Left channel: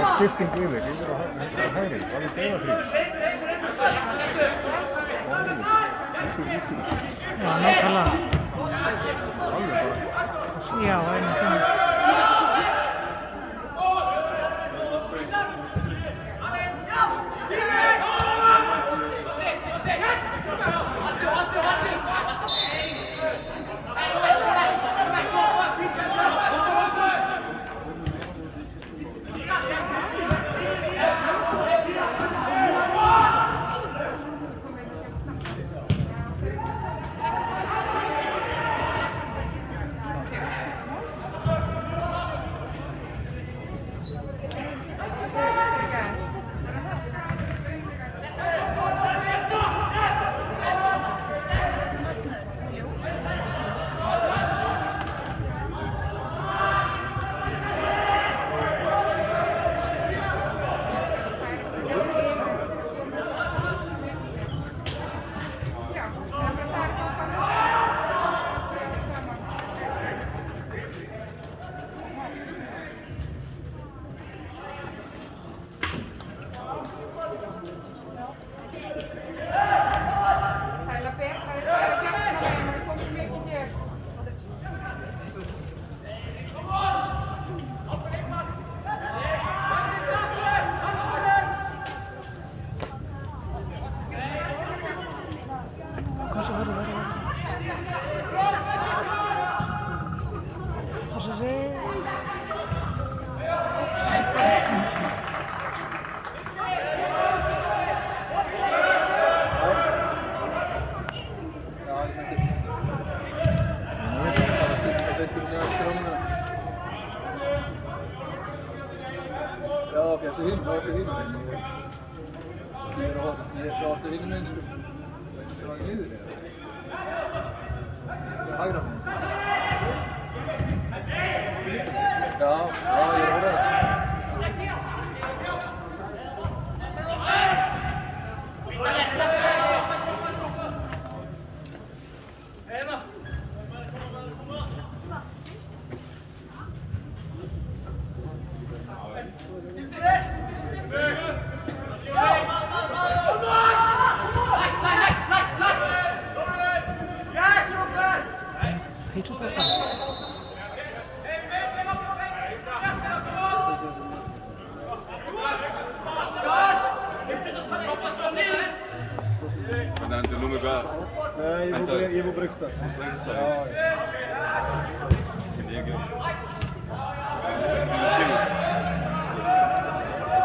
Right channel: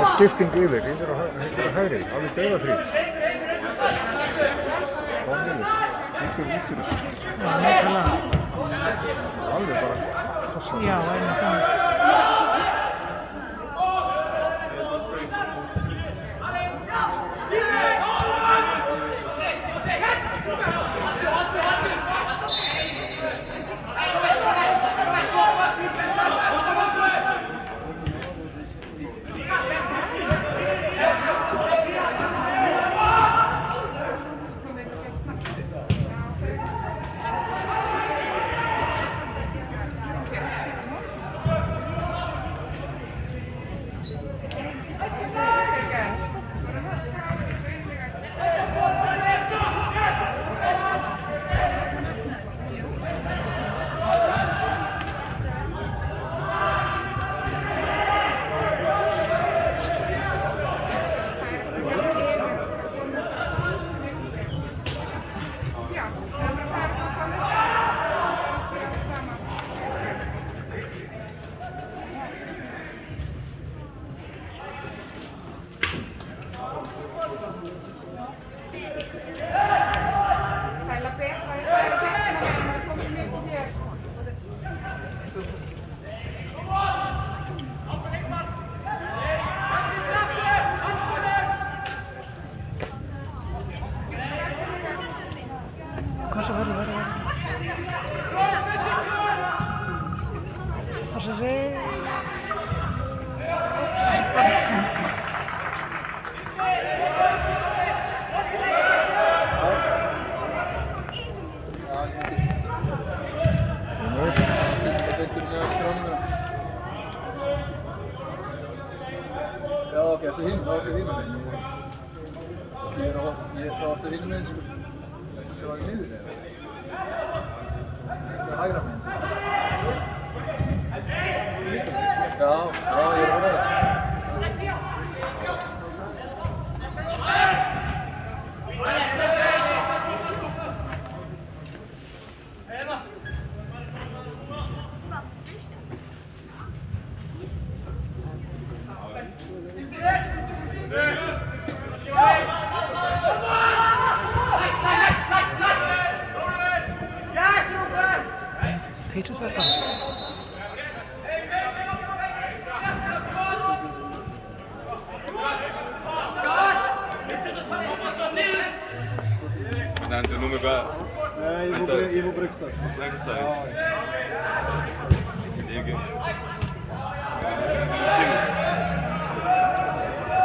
Og skipting yfir á hægri, alveg dauðafrið. Komið, út úr. Já, nákvæmlega. Alveg bara. Já, einmitt. Passa sig. Já, ok, eftir hinn meginn. Ég er á eftir hinn meginn, sko. Þetta var í liður, eða? Þetta er hægra meginn. Já, ég er að horfa það. Peter's up. Näen du nummer bara? Nej, jag får brukta. Brukta? Ja. Min egen.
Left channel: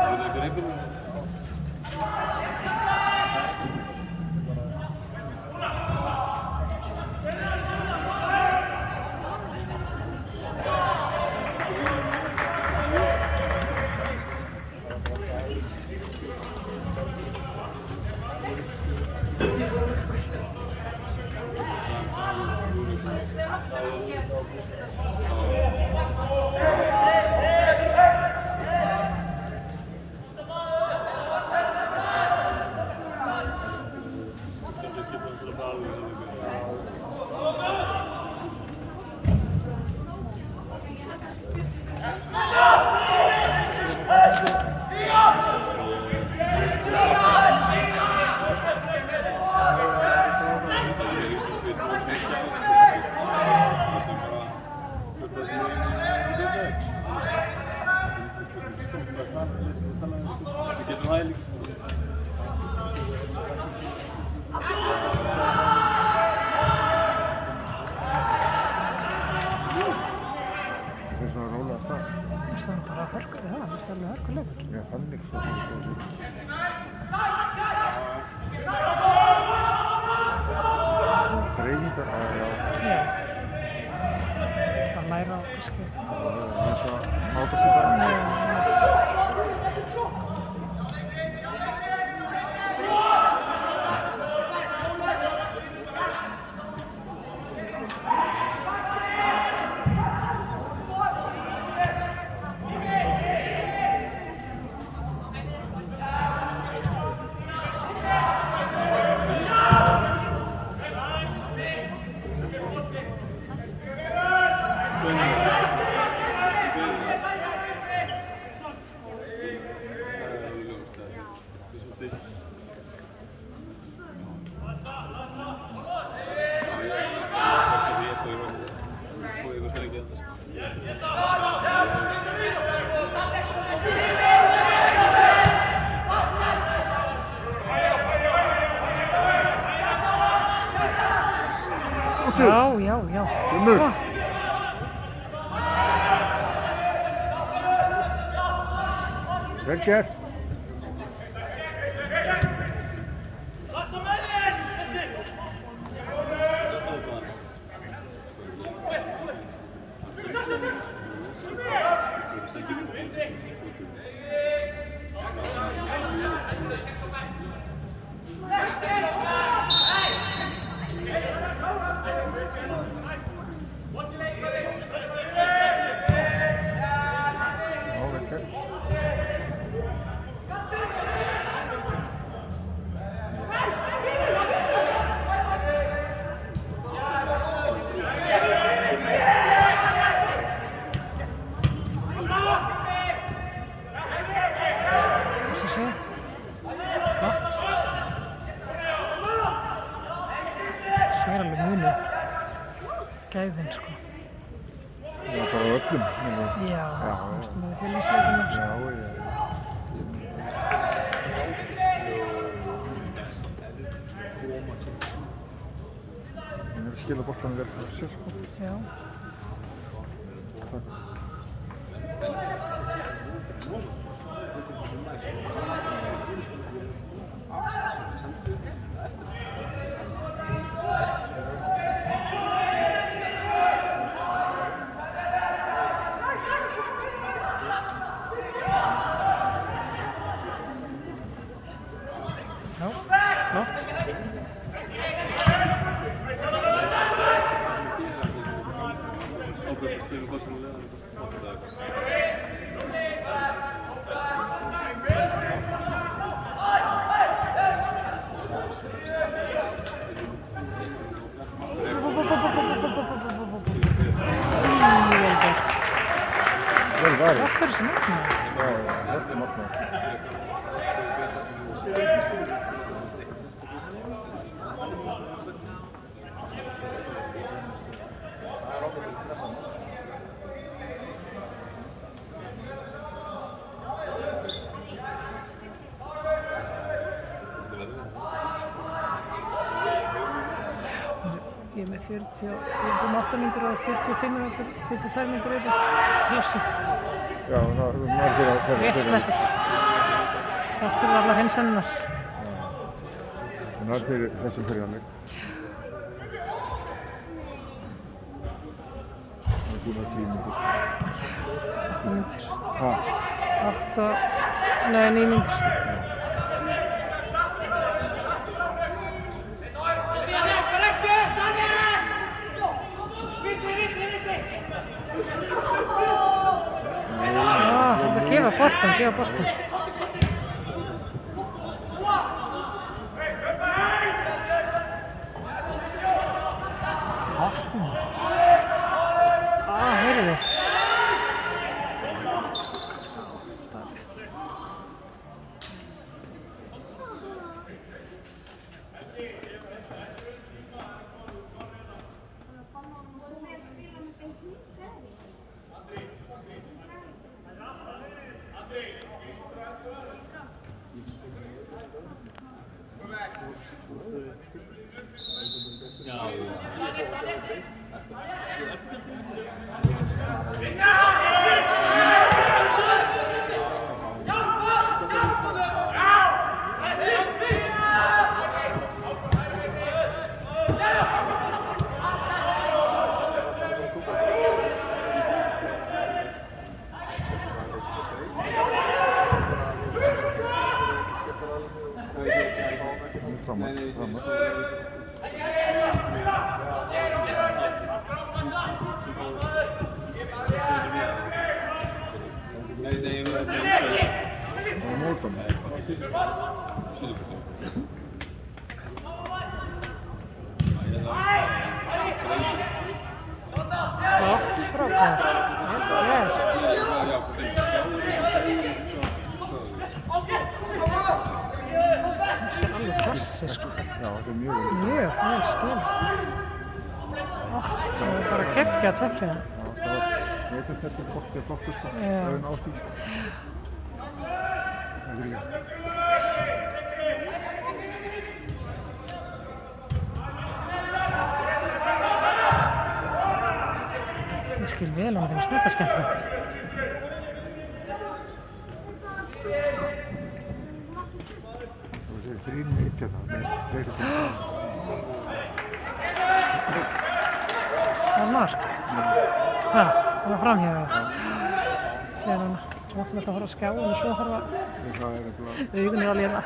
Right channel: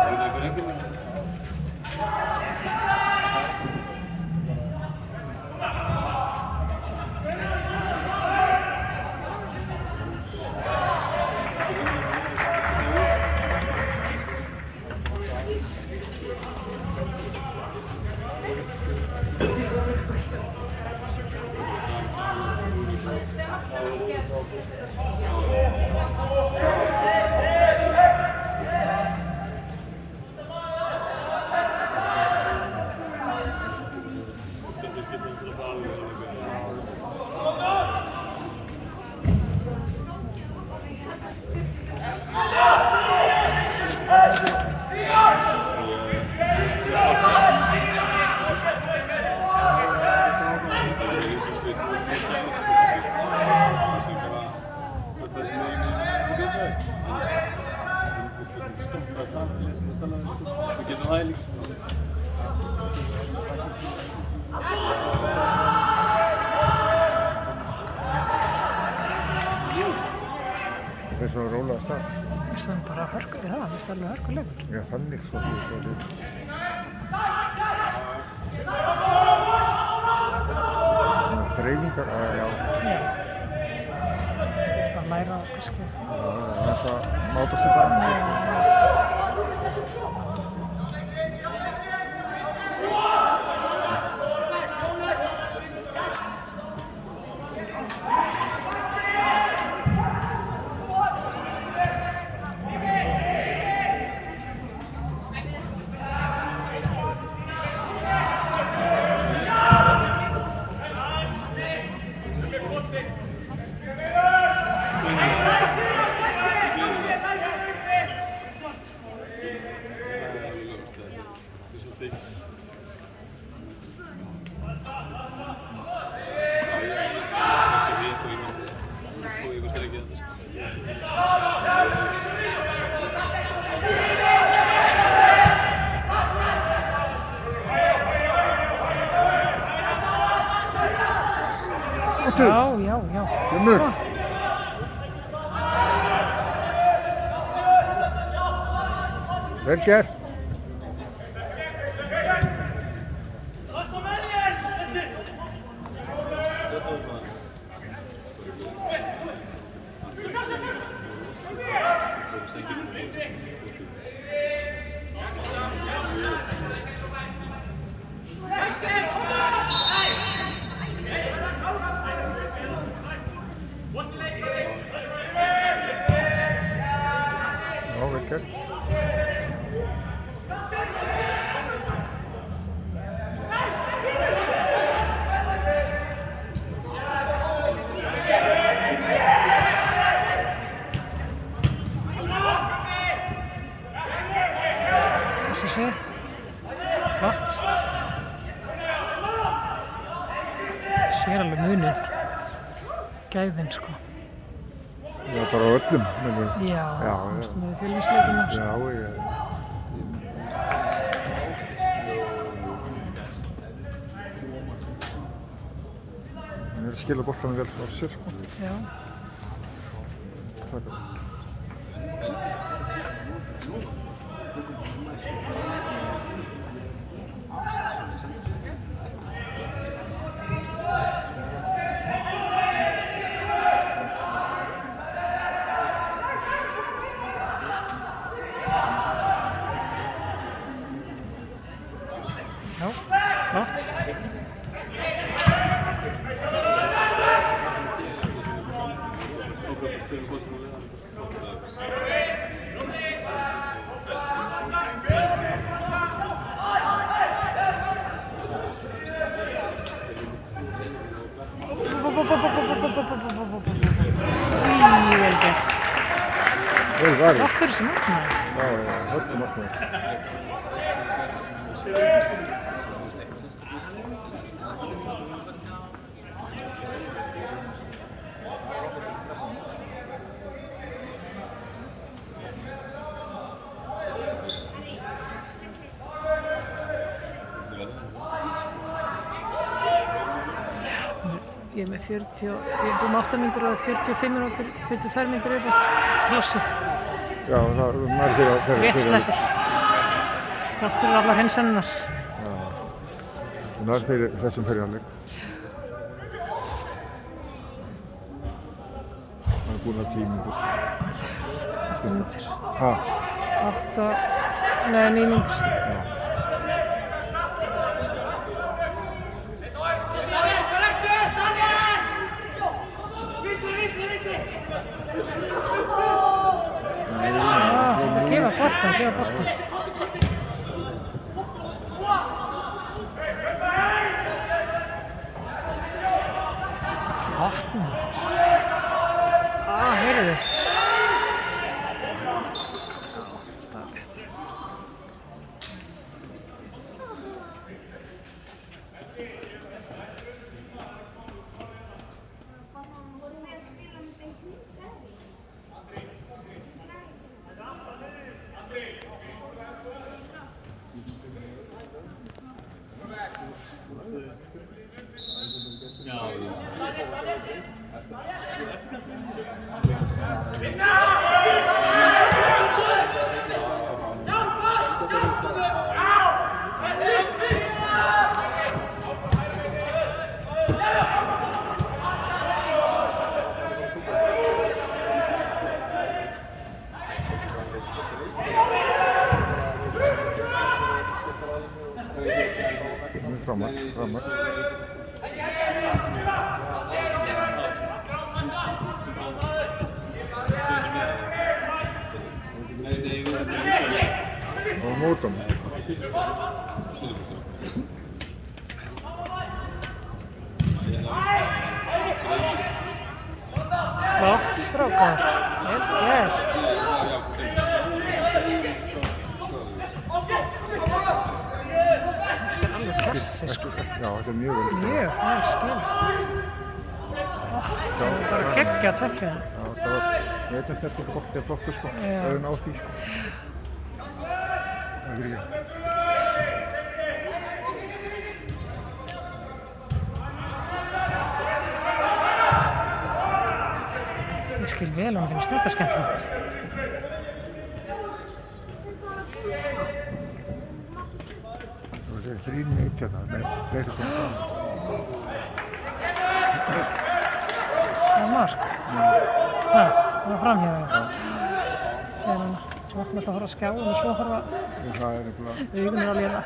Är du beredd? Ja. sem bara hörku, já, það er alveg hörkuleikur. Já, þannig svo. Þreifingar aðalega. Já. Bara læra á kannski. Þess að máta sig bara. Já. Kemur. Vel gert. Sér alveg munið gæðin sko. Það er bara öllum. Já, það er félagsleikina. Það er skila boltanum vel frá sér sko. Já. Já, flott. Vel gert. Flottur sem markmaður. Flottur markmaður. Ég er með 40, ég er búin með 8 mínútur og 45 mínútur, 42 mínútur yfirbætt plássi. Já, það er margir á hverju. Rétt sleppur. Þrátt fyrir allar hreinsanirnar. Það er fyrir þessum fyrirháleik. Það er búin að 10 mínútur. 8 mínútur. Hæ? 8 og... Nei, 9 mínútur. Gefa boltan. Flott maður. Heyrðu. Já, það er rétt. Ja. Flott strákar, vel gert. Þetta er alveg klassísk. Já, þetta er mjög vel. Mjög vel skil. Það er bara geggjað teffið. Já, það var þetta bolti er flottur sko. Já. Það er ná því sko. Það er ekki. Ég skil vel að hann finnst þetta skemmtilegt. Það er 3 mínútur hérna, það er fleiri sem Það er mark. Það var framhjá. Sér hann, vatnum þetta að horfa á skjáin og svo horfa það er eitthvað. augunir að lifa.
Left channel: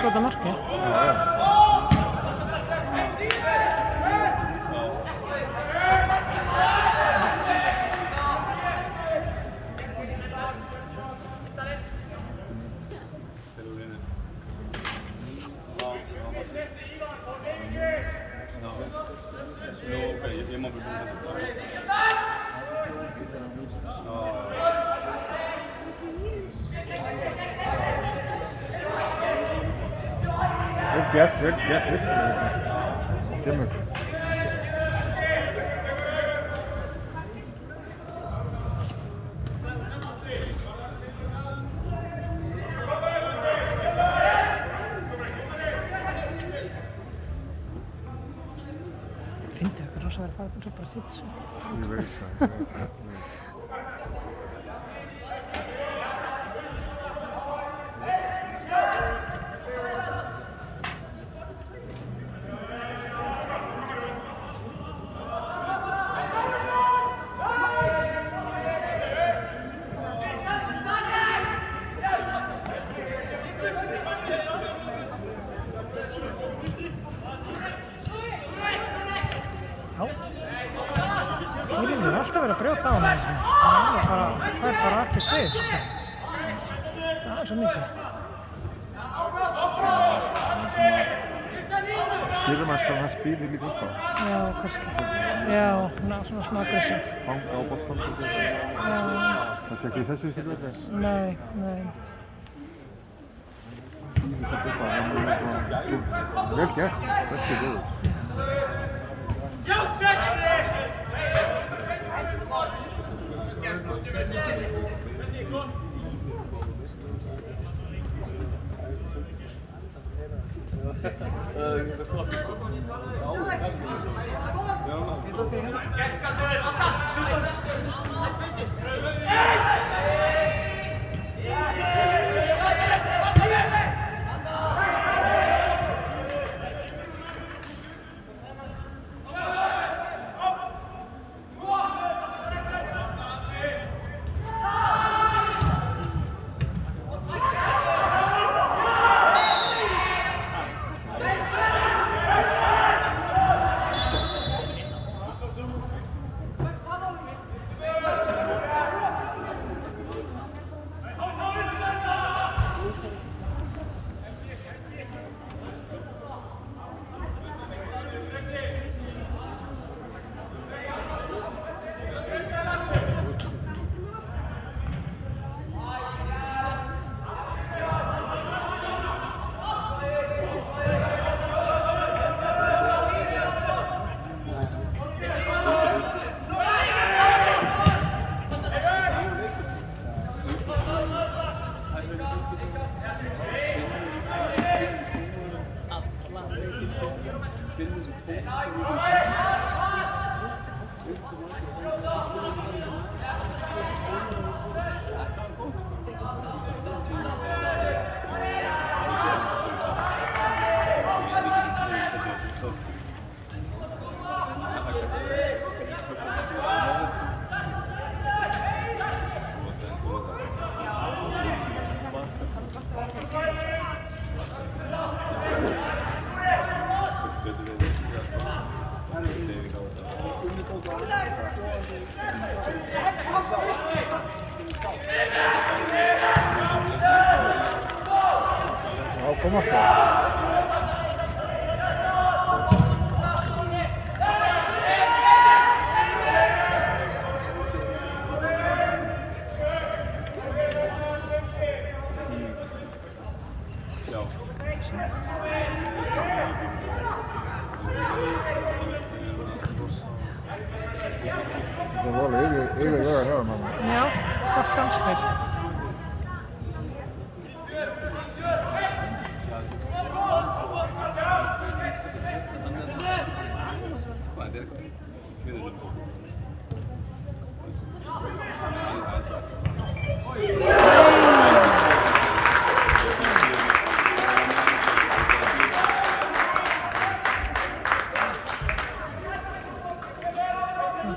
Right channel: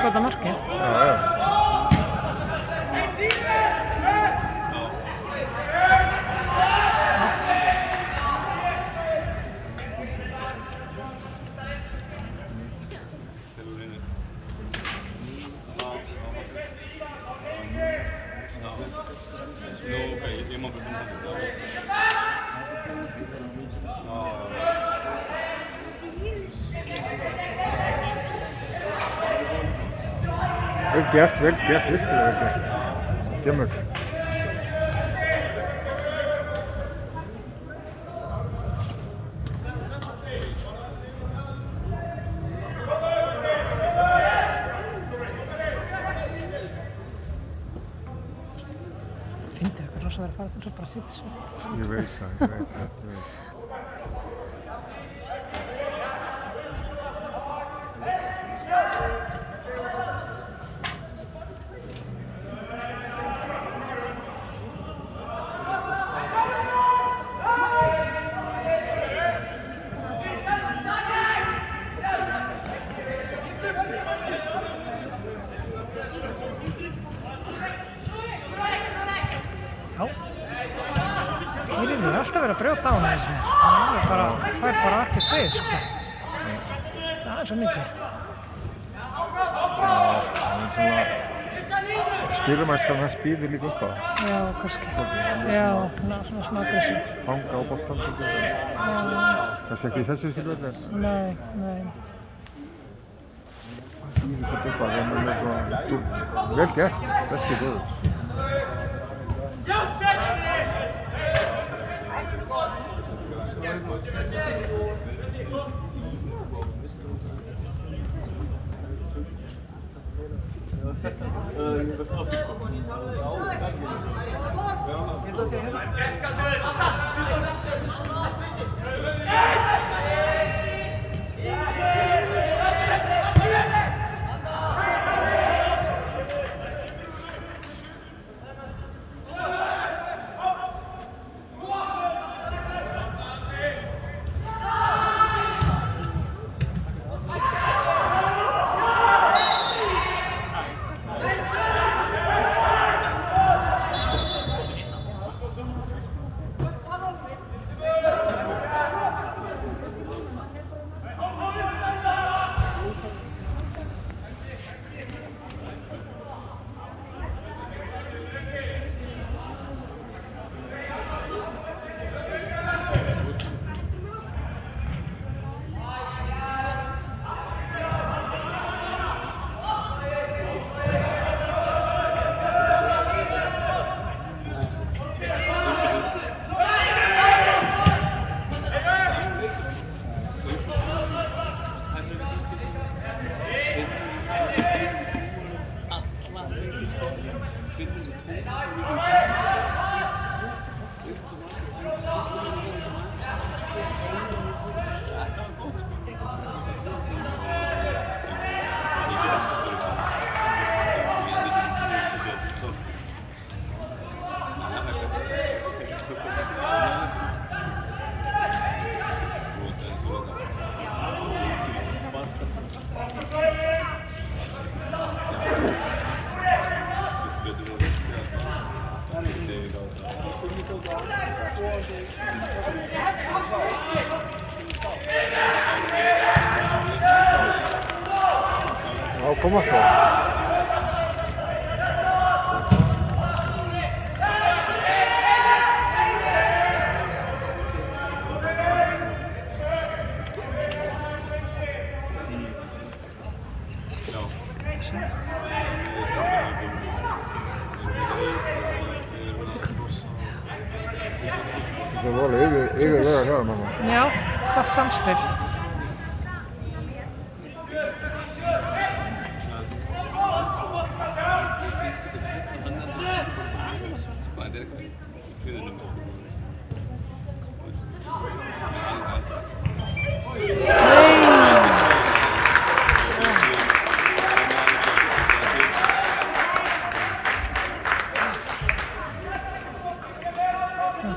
Skota marki. Vel gert, virkilega vel gert. Dimmur. Fyndi eitthvað rosa verið að fara til svo bara að sýta sér. Ég veit það. Ég er alltaf verið að brjóta á hana þessu. Það er bara ekki svið, sko. Það er svo mikið. Stýrumæskan hans býður líka upp á. Já, kannski. Já, svona smá aggressív. Hanga á boltanum. Það sé ekki í þessu tilfelli. Nei. Vel gert, þessi góður. Ja, kommer på. Det var yfir hér með. Já, gott samspil.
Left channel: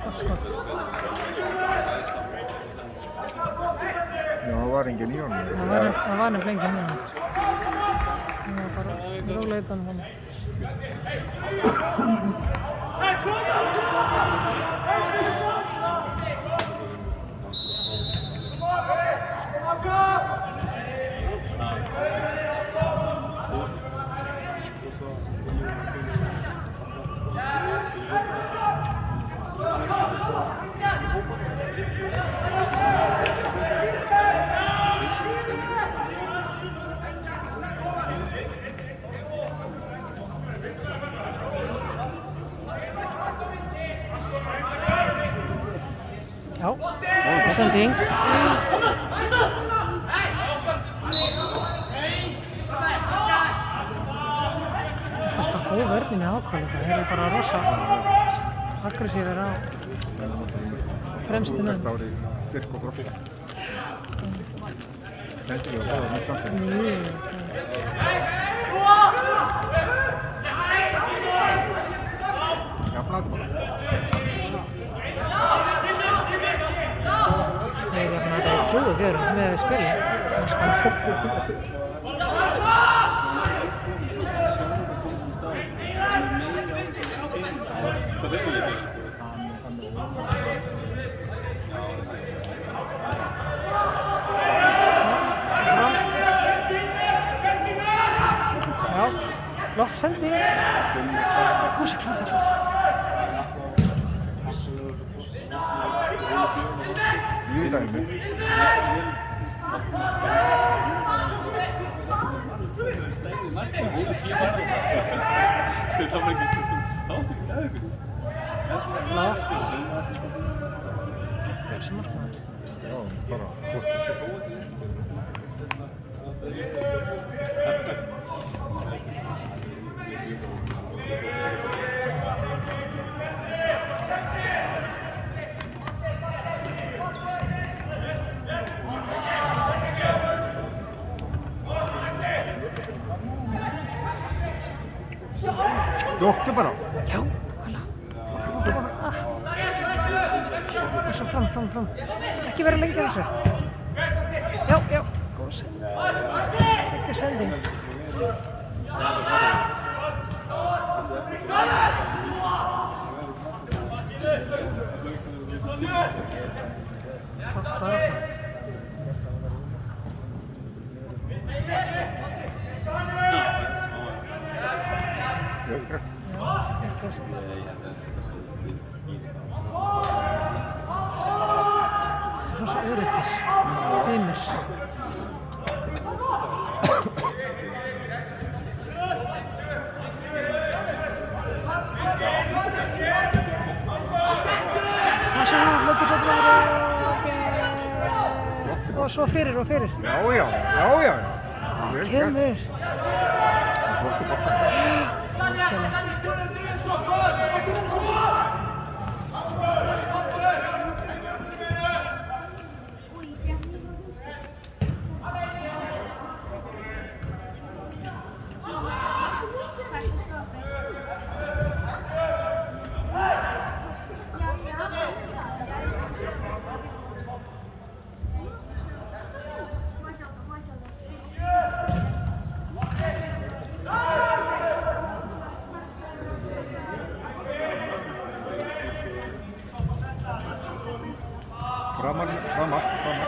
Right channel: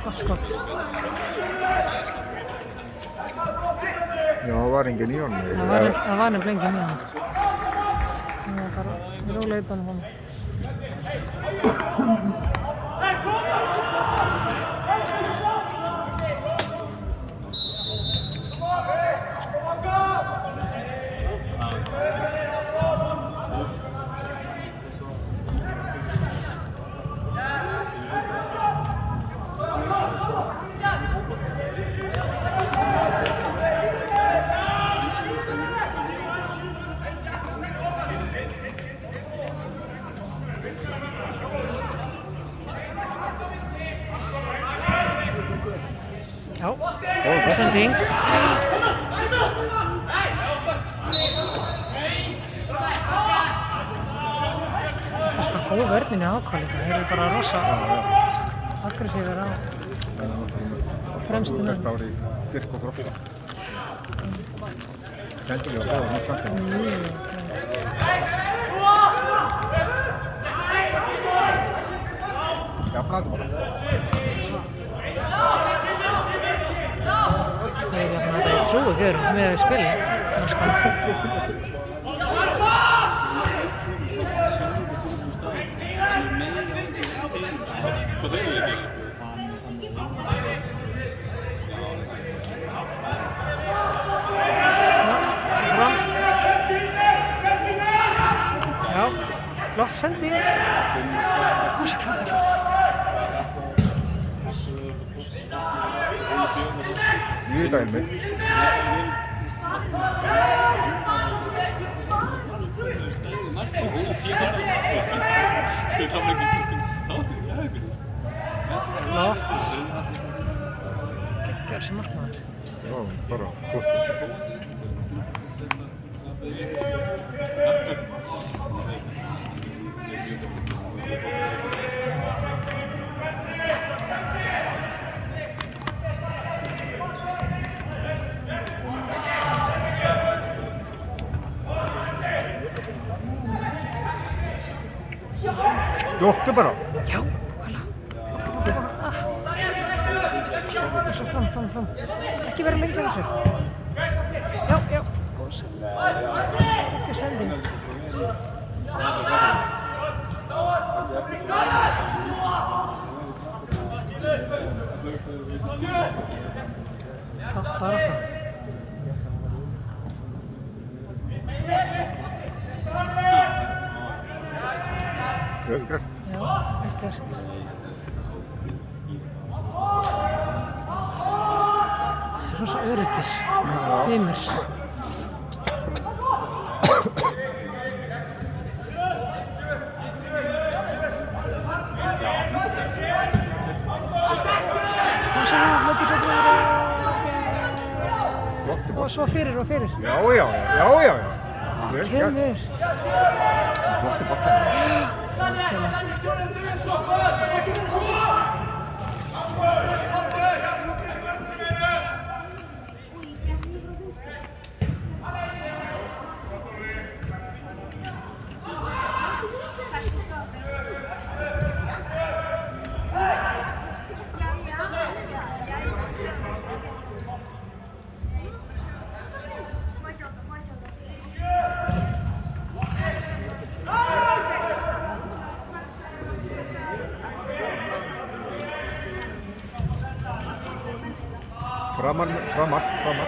Gott skott. Já, var engin í honum. Það var nefnilega enginn í honum. Það var bara rólega utan honum. Já, sending. Það skal spara góð vörnin í ákvæði. Þeir eru bara rosa aggressífir á fremstu menn. Þetta árið styrk og grófta. Kendilega það var mjög kantið. Jafnaði bara. Ég jafna þetta í trúi görum með spili. Já, flott sending. Kom svo, klart. Í dæmi. Flott. Geggjaður sem markmaður. Já, bara. Skjóttu bara. Já, hvala. Og svo fram. Ekki vera lengi að þessu. Já, góð sending. Ekki sending. Takk bara það. Vel gert. Já, vel gert. Rosa öryggis, fínir. Það svo löggur betur og svo fyrir. Já. Vel gert. Kemur. Flottu bolta. Framar. Já, flott.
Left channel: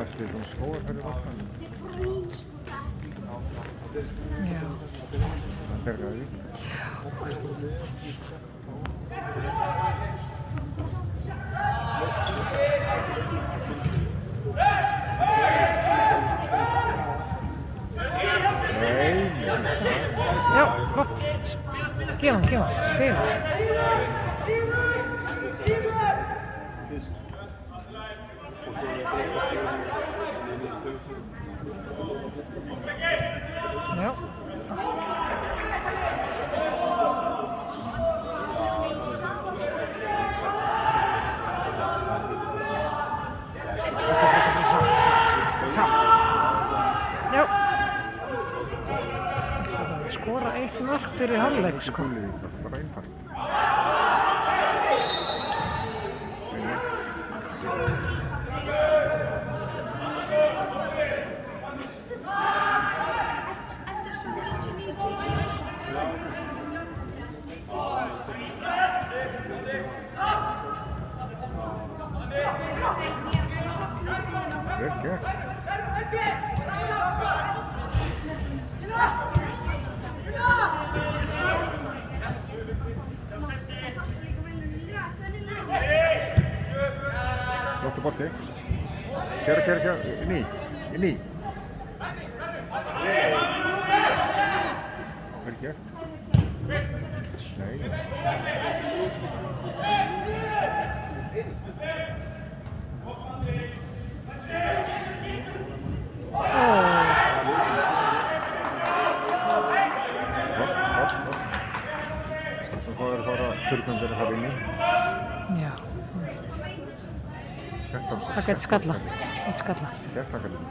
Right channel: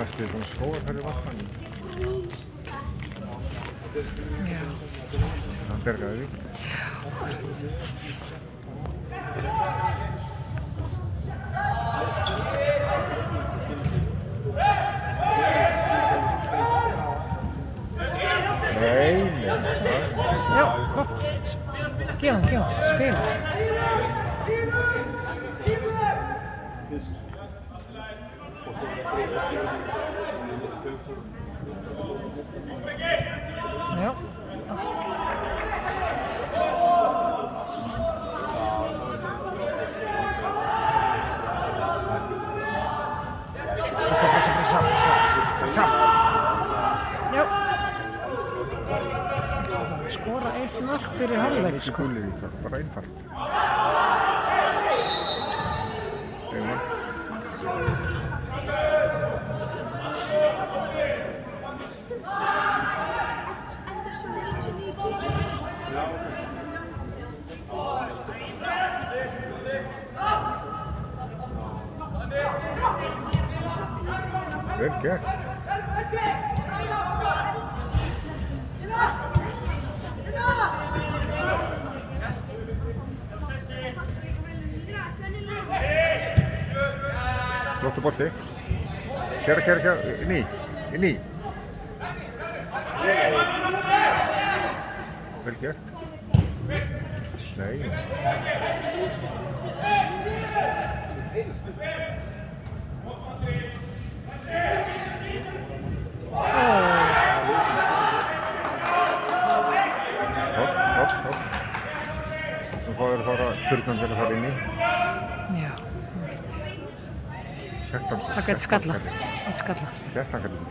Næstu svona skóarferði vatnum. Já. Það bergaði því. Nei. Já, gott. Gefum, spila. Já. Já. Skora eitt mark fyrir hálfleik, sko. Bara einfalt. Vel gert. Flottur bolti. Kera, inn í. Vel gert. Nei. Hopp. Nú fáir að fara þurrgangir að fara inn í. Já. Sértan. Taka eitt skalla. Sértan kallar.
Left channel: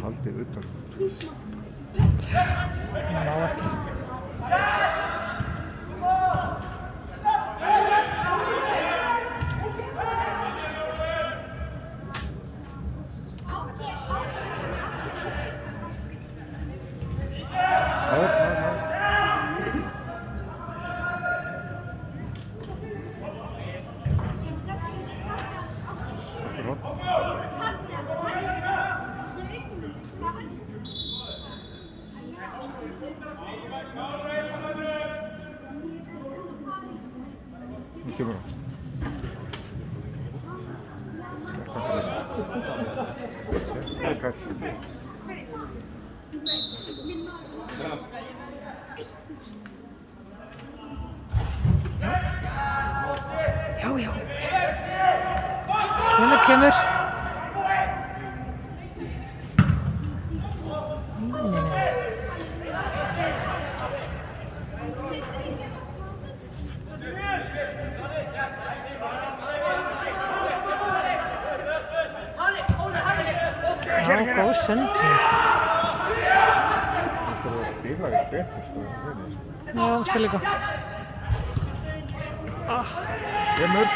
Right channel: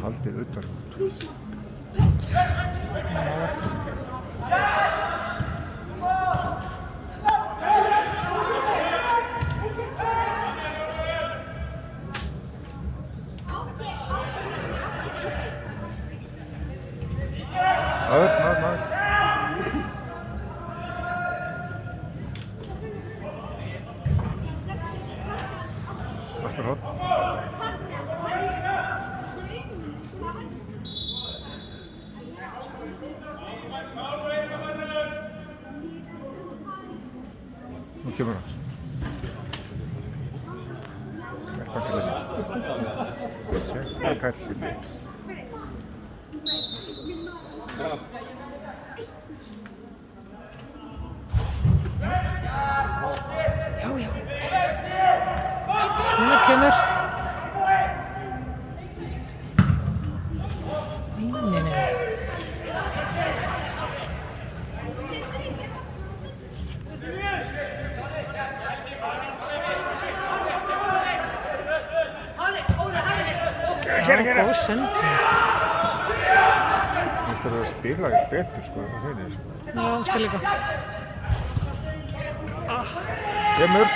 Haldið utan. Ná eftir. Nú kemur það. Já. Núna kemur. Nei. Já, góð sending. Þú veist að spila betur sko, Já, ástu líka. Kemur.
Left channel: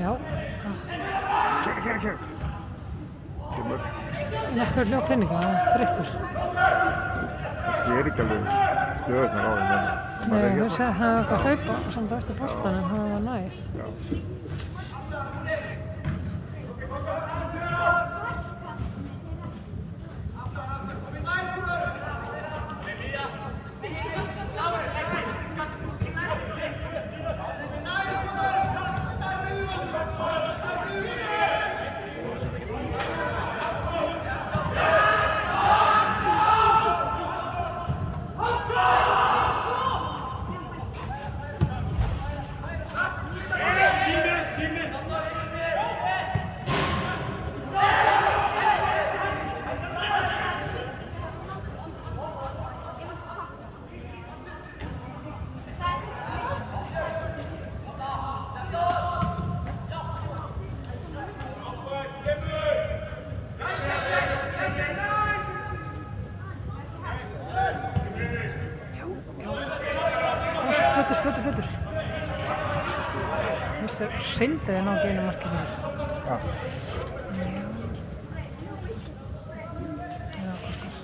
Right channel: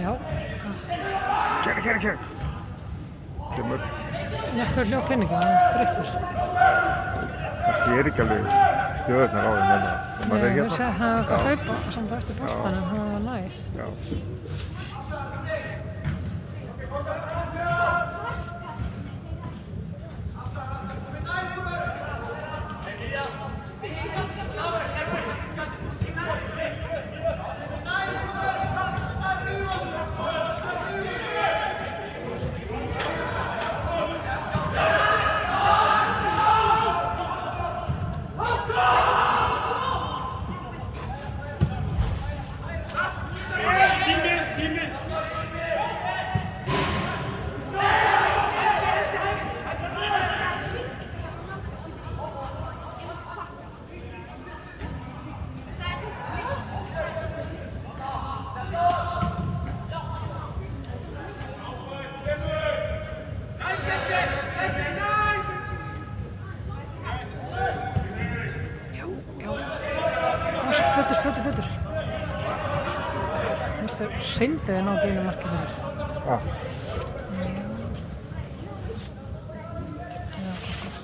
Já. Kemur. Kemur. Nokkur hljóð peninga, hann er þreyttur. Það sér ekki alveg stöðurnar á þeim Nei, hann vissi að hann átti að hlaupa samt eftir boltann en hann var nær. Já. Fljótur. Mér sé hreindið þið ná ekki einu marki fyrir. Já. Já, kostar.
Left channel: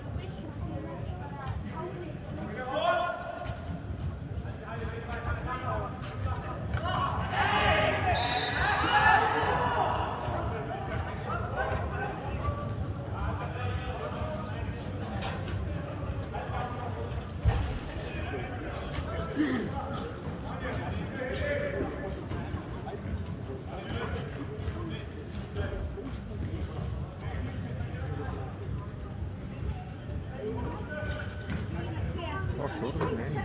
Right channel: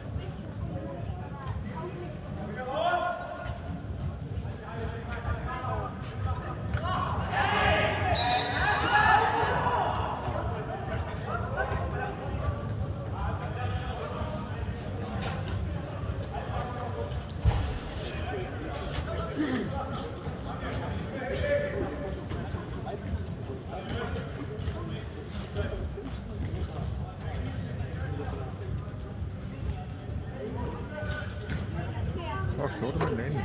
Já, stórmenn einu.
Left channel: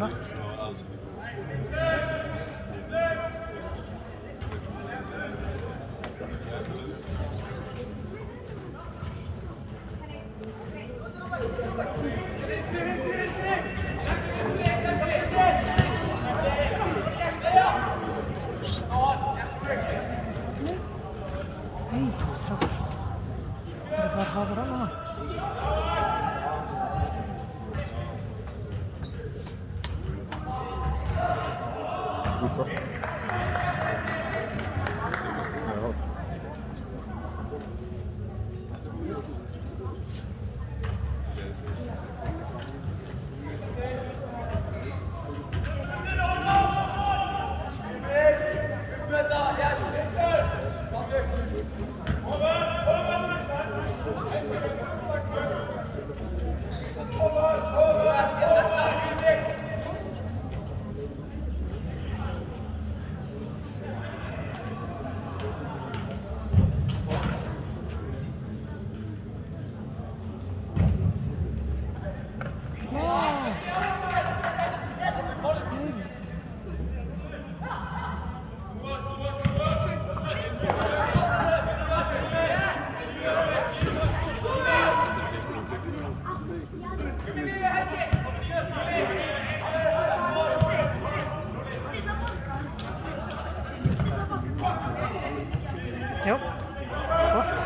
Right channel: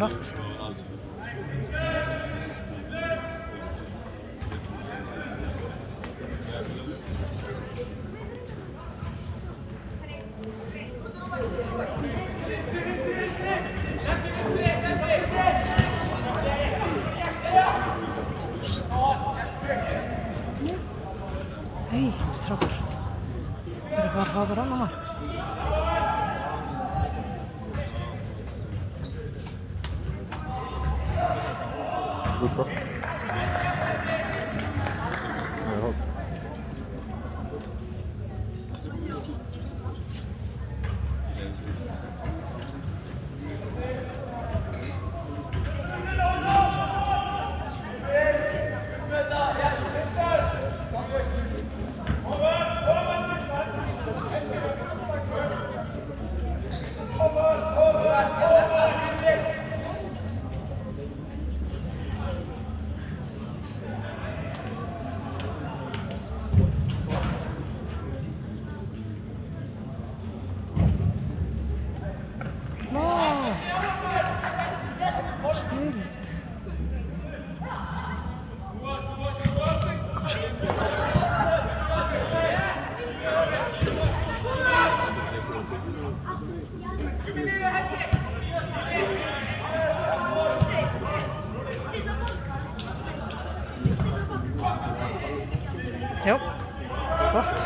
flott. Hei, strákar. Það er bara að hafa rann á maður. Út af. Já, gott.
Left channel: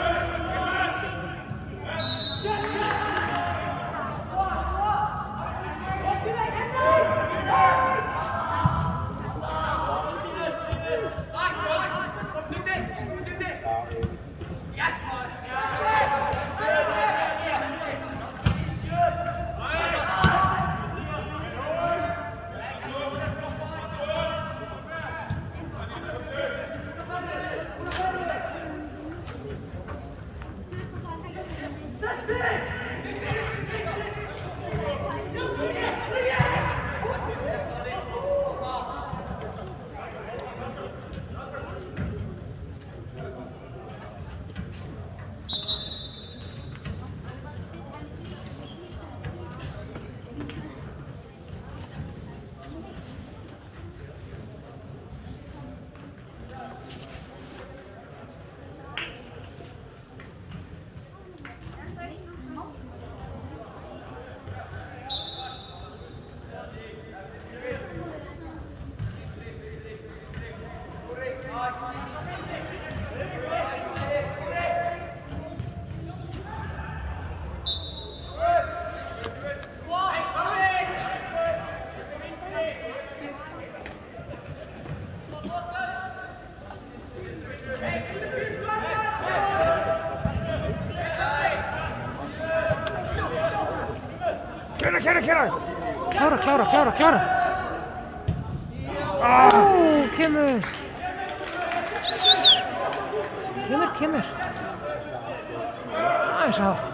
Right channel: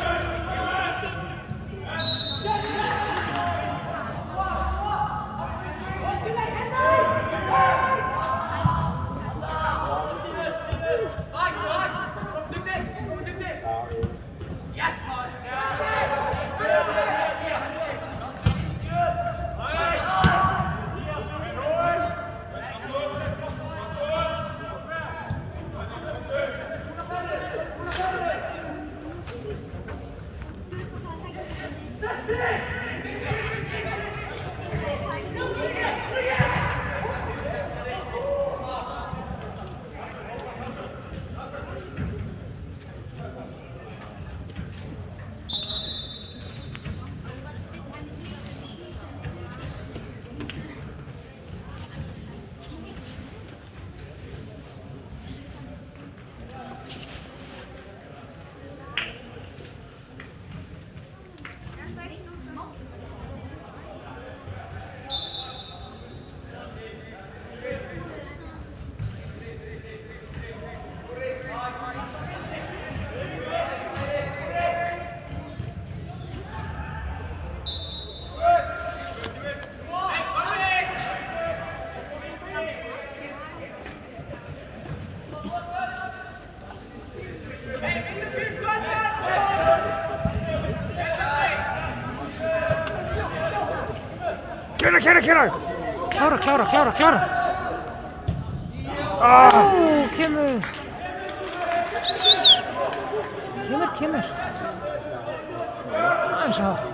Kæra! Klára. Ó, kemur. Aðeins hátt.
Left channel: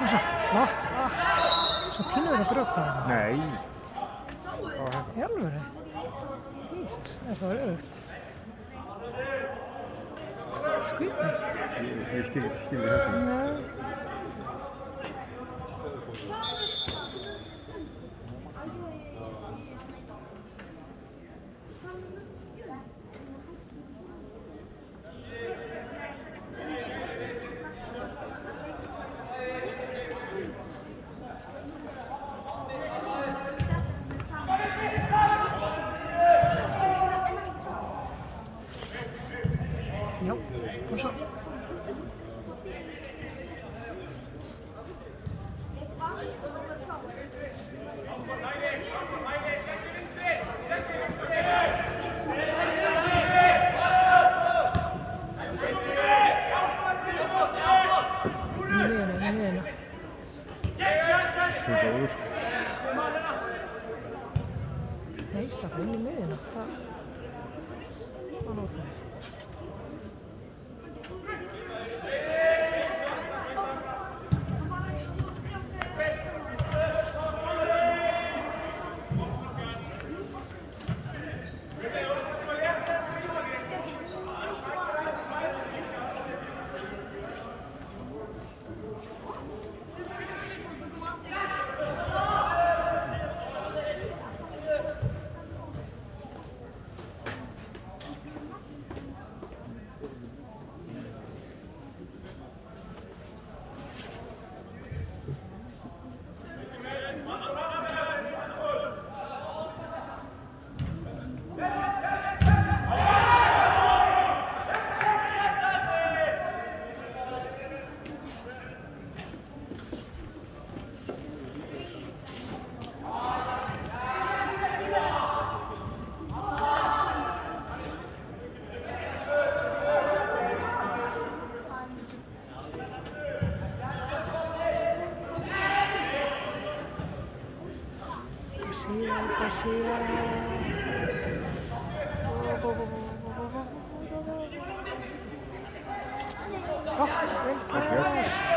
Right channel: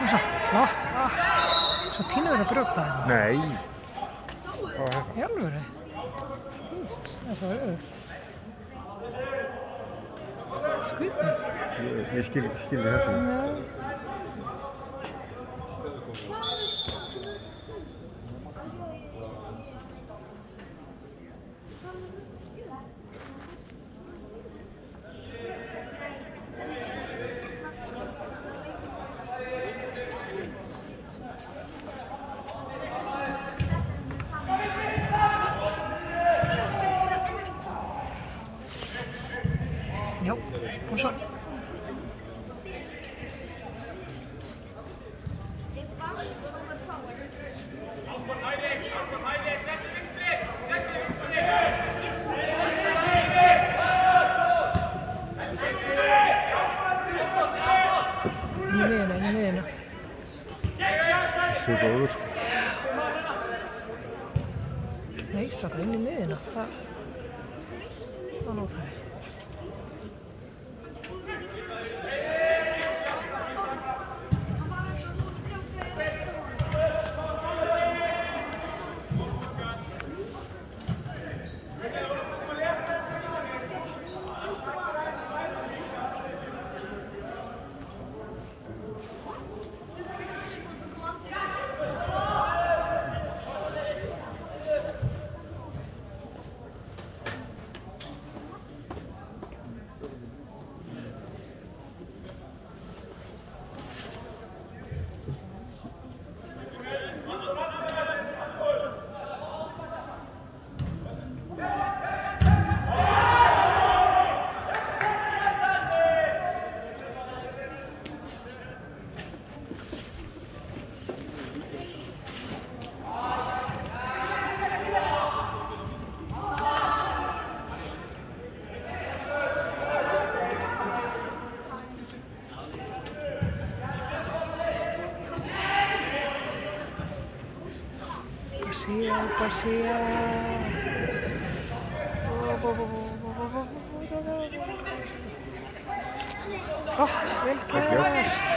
Hvað svo? Flott. Svo pínu verið að brjóta það. Nei. Í alvöru? Jesus, það er svo örugt. Skrýtið. Ég skildi þetta. Nei. Já, kom svo. reisa það inn í miðina. Það var óþarfi. Garcia. Gott, vel gert.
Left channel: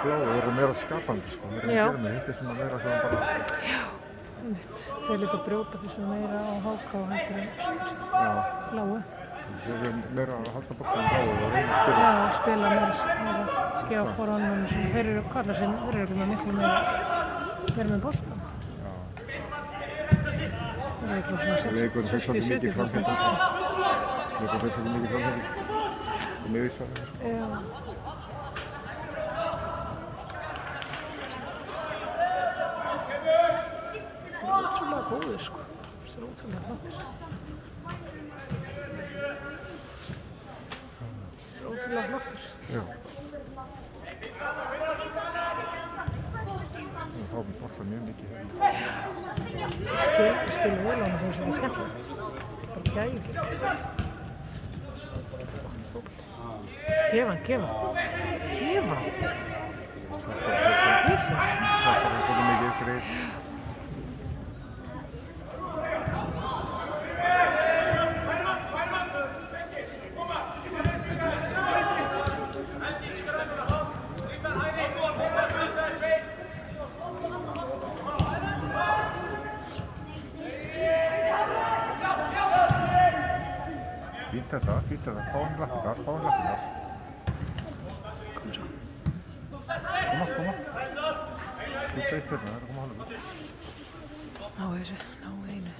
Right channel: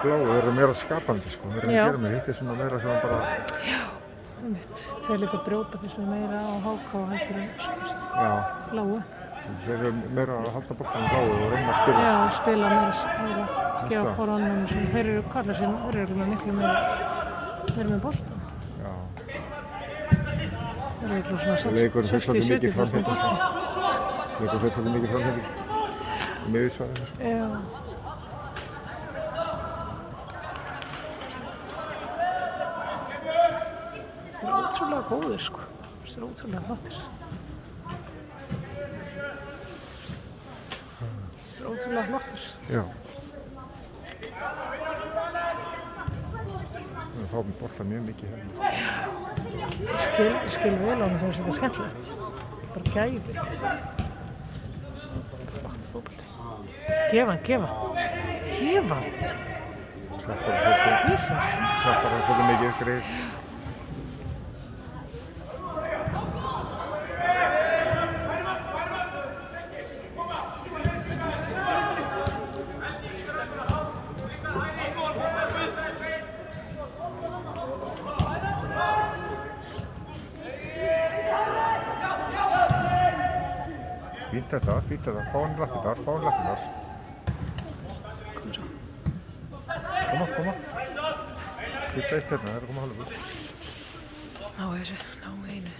Við erum meira skapandi sko, við erum að gera með hitt sem að vera svona bara... Já, einmitt. Þeir líka brjóta fyrst meira á háka og heldur lágu. Þeir eru meira að halda boltanum lágu og reyna að spila. Já, spila meira, gefa hvort annan. Þeir eru kallar sér, þeir eru miklu meira með boltan. Já. Þeir eru eitthvað svona 60-70% boltan. Leikur fyrir svolítið mikið framhætting í miðjusvæðinu. Já. Það er ótrúlega góður sko. Það er ótrúlega flottir. Það er ótrúlega flottir. Já. Það fá með boltan mjög mikið hérna. Ég skil vel á hann þegar þetta er skemmtilegt. Bara gæði. Gefa hann. Slettar hann svolítið mikið greið. Fínt þetta, fá hann lappirnar. Kom svo. Koma. Þú gæst hérna, það er að koma hálfur. Ná einu.